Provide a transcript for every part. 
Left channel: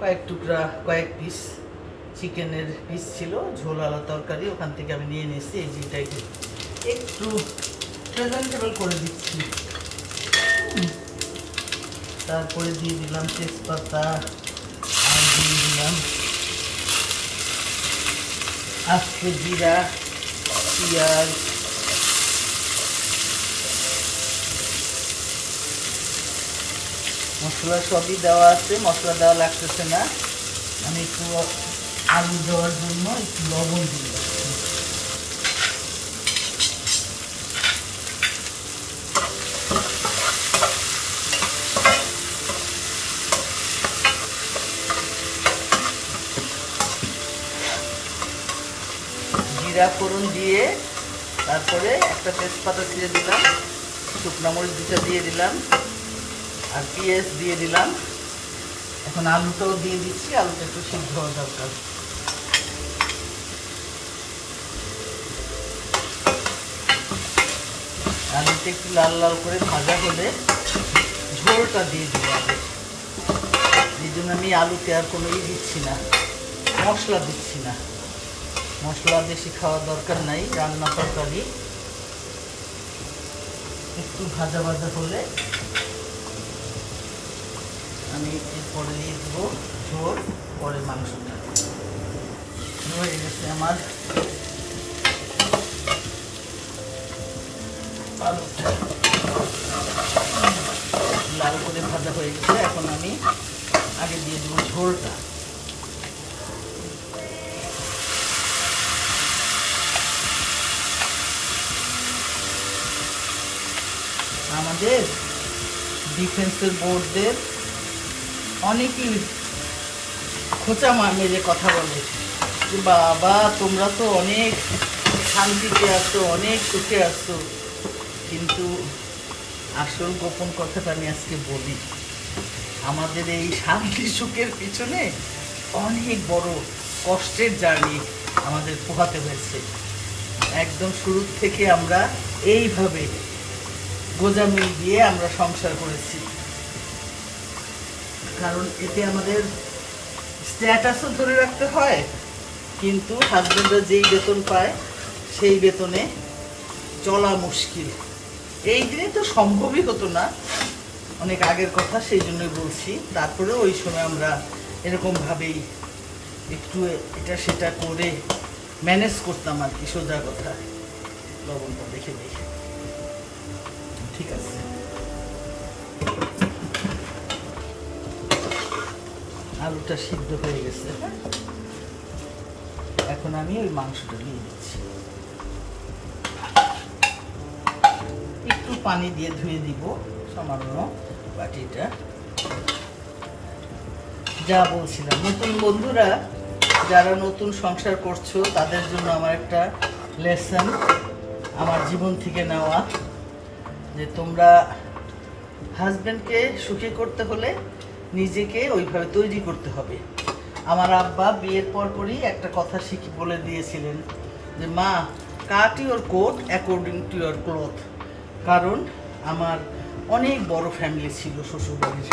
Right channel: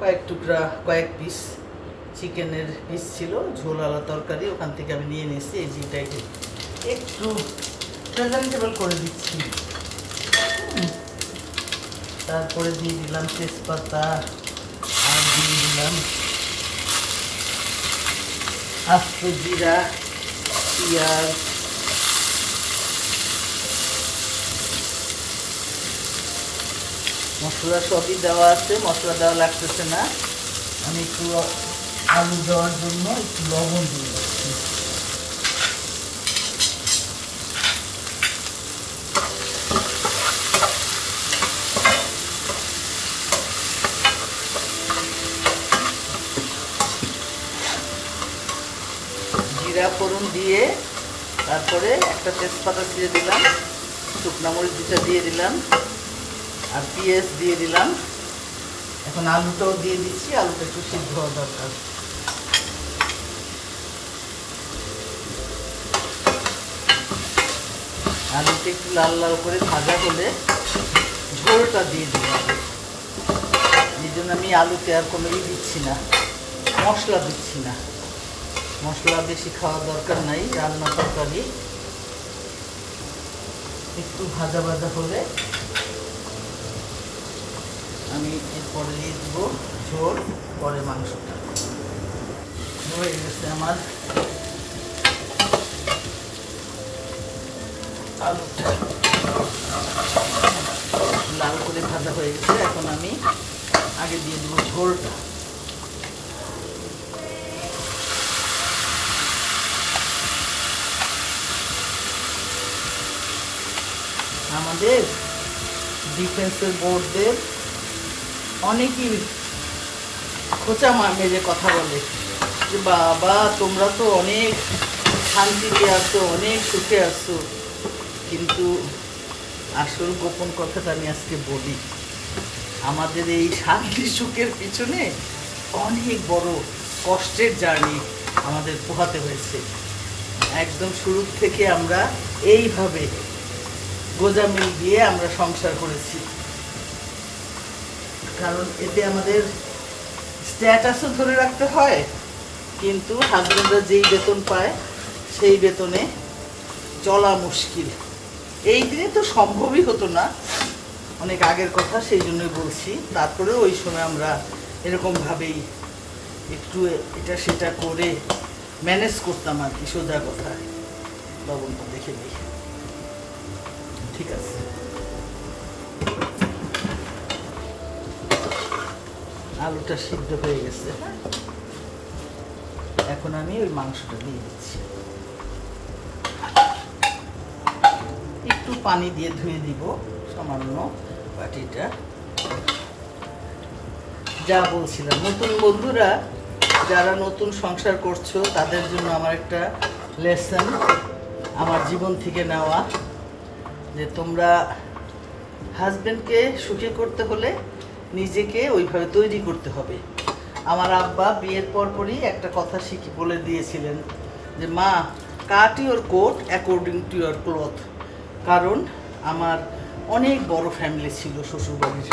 কয়েক টুকরা, কয়েক পিস চিকেনের পিস ছিল, ঝোলালা তরকারি, ওখান থেকে আমি নিয়ে নিয়েছি। এই যেটাকে একটু প্রেজেন্টেবল করে দিচ্ছি। তারপরে দিয়ে দিলাম তেজপাতা, আর দিয়ে দিলাম আস্ত জিরা, পেঁয়াজ, মশলা সবই দেওয়া আছে, মশলা দেওয়া লাগতেছে না। আমি একটু আলু দেওয়ার জন্য একটু লবণ দিয়ে দিচ্ছি। জিরা ফোড়ন দিয়ে তারপরে একটা তেজপাতা দিয়ে দিলাম, শুকনো মরিচ দুটা দিয়ে দিলাম, আর পেঁয়াজ দিয়ে দিলাম। এখন আলুটাও দিয়ে দিচ্ছি, আলুটা একটু সিদ্ধ হওয়া দরকার। আলুটা একটু লাল লাল করে ভাজা হলে ঝোলটা দিয়ে দিলাম। এই জন্য আমি আলুতে আর কোনো দিচ্ছি না, মশলা দিচ্ছি না। মশলা বেশি খাওয়ার দরকার নাই, রান্না তরকারি একটু ভাজা ভাজা হলে আমি এরপরে দিয়ে দেবো ঝোল, পরে মাংসটা হয়ে গেছে। আমার আলুটা লাল করে ভাজা হয়ে গেছে। এখন আমি আগে দিয়ে দেবো ঝোলটা। আমাদের ডিফেন্সের বোর্ডদের অনেকেই খোঁচা মেরে কথা বলে যে বাবা তোমরা তো অনেক শান্তিতে আছো, অনেক সুখে আছো, কিন্তু আসল গোপন কথাটা আমি আজকে বলি। আমাদের এই শান্তি সুখের পিছনে অনেক বড় কষ্টের জার্নি আমাদের পোহাতে হয়েছে। একদম শুরু থেকে আমরা এইভাবে গোজামিল দিয়ে আমরা সংসার করেছি, কারণ এতে আমাদের স্ট্যাটাসও ধরে রাখতে হয়, কিন্তু হাজবেন্ডরা যেই বেতন পায় সেই বেতনে চলা মুশকিল। এই দিনে তো সম্ভবই হতো না, অনেক আগের কথা, সেই জন্যই বলছি। তারপরে ওই সময় আমরা এরকমভাবেই একটু এটা সেটা করে ম্যানেজ করতাম আর কি, সোজা কথা। লবণটা দেখে নিই, ঠিক আছে। আলুটা সিদ্ধ হয়ে গেছে, এখন আমি ওই মাংসটা দিয়ে দিচ্ছি। একটু পানি দিয়ে ধুয়ে দিব সামান্য বাটিটা। যা বলছিলাম, নতুন বন্ধুরা যারা নতুন সংসার করছো তাদের জন্য আমার একটা লেসন, আমার জীবন থেকে নেওয়া, যে তোমরা হাজবেন্ডকে সুখী করতে হলে নিজেকে ওইভাবে তৈরি করতে হবে। আমার আব্বা বিয়ের পরপরই একটা কথা বলে দিয়েছিলেন যে মা, cut your coat according to your cloth. কারণ আমার অনেক বড় ফ্যামিলি ছিল শ্বশুরবাড়ির,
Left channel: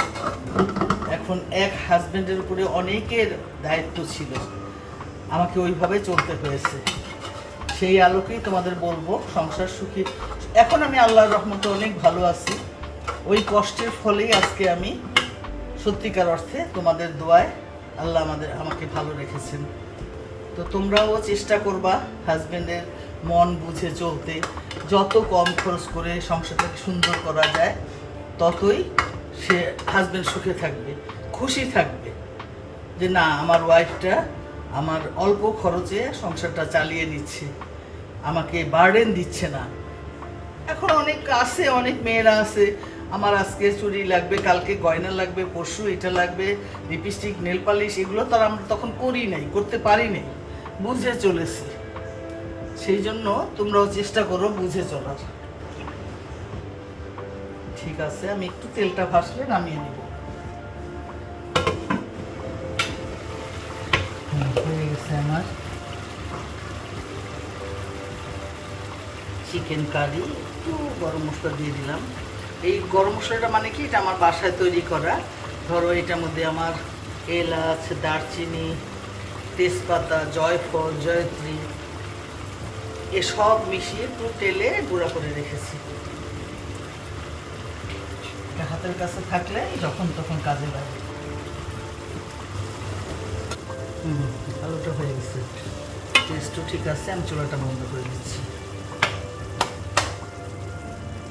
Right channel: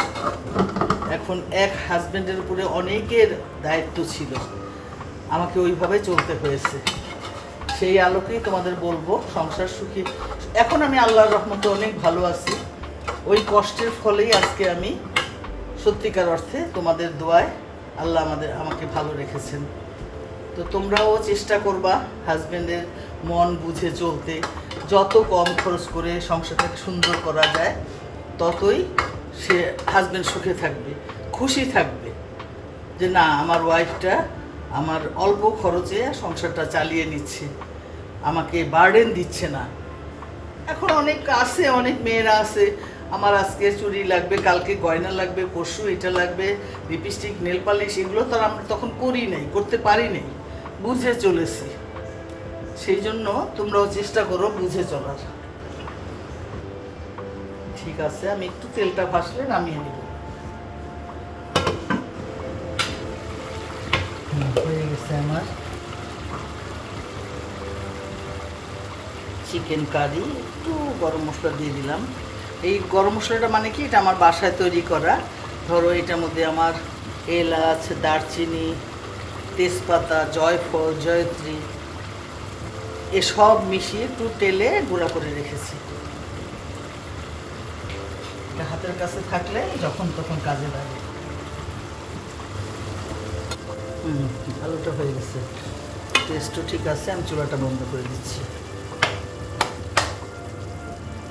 এখন এক হাজবেন্ডের উপরে অনেকের দায়িত্ব ছিল, আমাকে ওইভাবে চলতে হয়েছে। সেই আলোকেই তোমাদের বলবো সংসার সুখী। এখন আমি আল্লাহর রহমতে অনেক ভালো আছি, ওই কষ্টের ফলেই আজকে আমি সত্যিকার অর্থে তোমাদের দোয়ায় আল্লাহ আমাকে ভালো রেখেছেন। তো তোমরাও চেষ্টা করবা হাজবেন্ডের মন বুঝে চলতে, যত কম খরচ করে সংসারটাকে সুন্দর করা যায় ততই সে হাজবেন্ড সুখে থাকবে, খুশি থাকবে যে না আমার ওয়াইফটা আমার অল্প খরচে সংসারটা চালিয়ে নিচ্ছে, আমাকে বার্ডেন দিচ্ছে না। এখন অনেক আছে, অনেক মেয়েরা আছে, আমার আজকে চুড়ি লাগবে, কালকে গয়না লাগবে, পরশু এটা লাগবে, লিপস্টিক, নেল পালিশ, এগুলো তো আমরা তখন করি নাই, করতে পারি নাই, বুঝে চলেছি। সেই জন্য তোমরাও চেষ্টা করো বুঝে চলার। ঠিক আছে, আমি একটু তেলটা ভাসলে নামিয়ে নেব। হয়ে গেছে আমার চিকেন কারি। একটু গরম মশলা দিয়ে দিলাম। এই গরম মশলাটা মানে কি, এটা আমার বাসায় তৈরি করা। ধরো এটার মধ্যে আমার এলাচ, দারচিনি, তেজপাতা, জয়ফল, জয়ত্রী এসব মিশিয়ে একটু তেলে গুঁড়া করে রেখেছি। এটা হাতের কাছে থাকলে যখন তখন কাজে লাগে। আলুটা হয়ে গেছে, টেস্টও ঠিক আছে। আমি চুলাটা বন্ধ করে দিচ্ছি।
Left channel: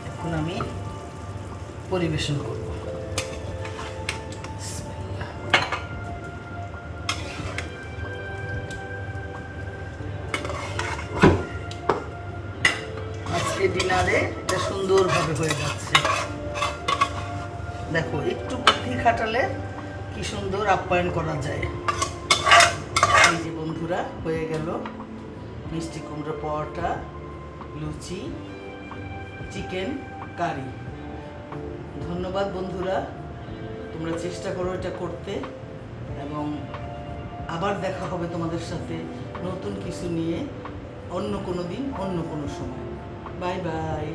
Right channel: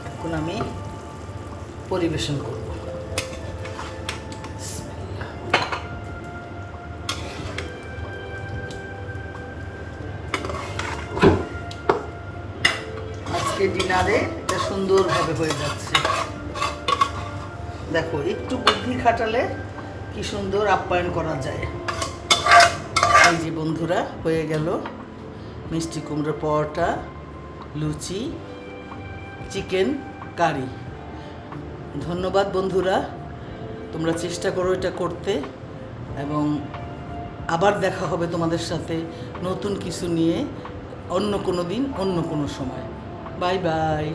এখন আমি পরিবেশন করব। আজকে ডিনারে এটা সুন্দরভাবে হয়ে যাচ্ছে। দেখো, একটু বুদ্ধি খাটালে কি সুন্দর আপ্যায়ন করা যায়। এই যে বন্ধুরা, হয়ে গেল মিষ্টি কুমড়ো পরোটা, লুচি, চিকেন কারি। ধন্যবাদ বন্ধুরা, তোমরা চেষ্টা করো এটা করতে, এবং আবার দেখা হবে তোমাদের সাথে নতুন কিছু নিয়ে অন্য কোনো দিন, অন্য কোনো সময়। Bye bye.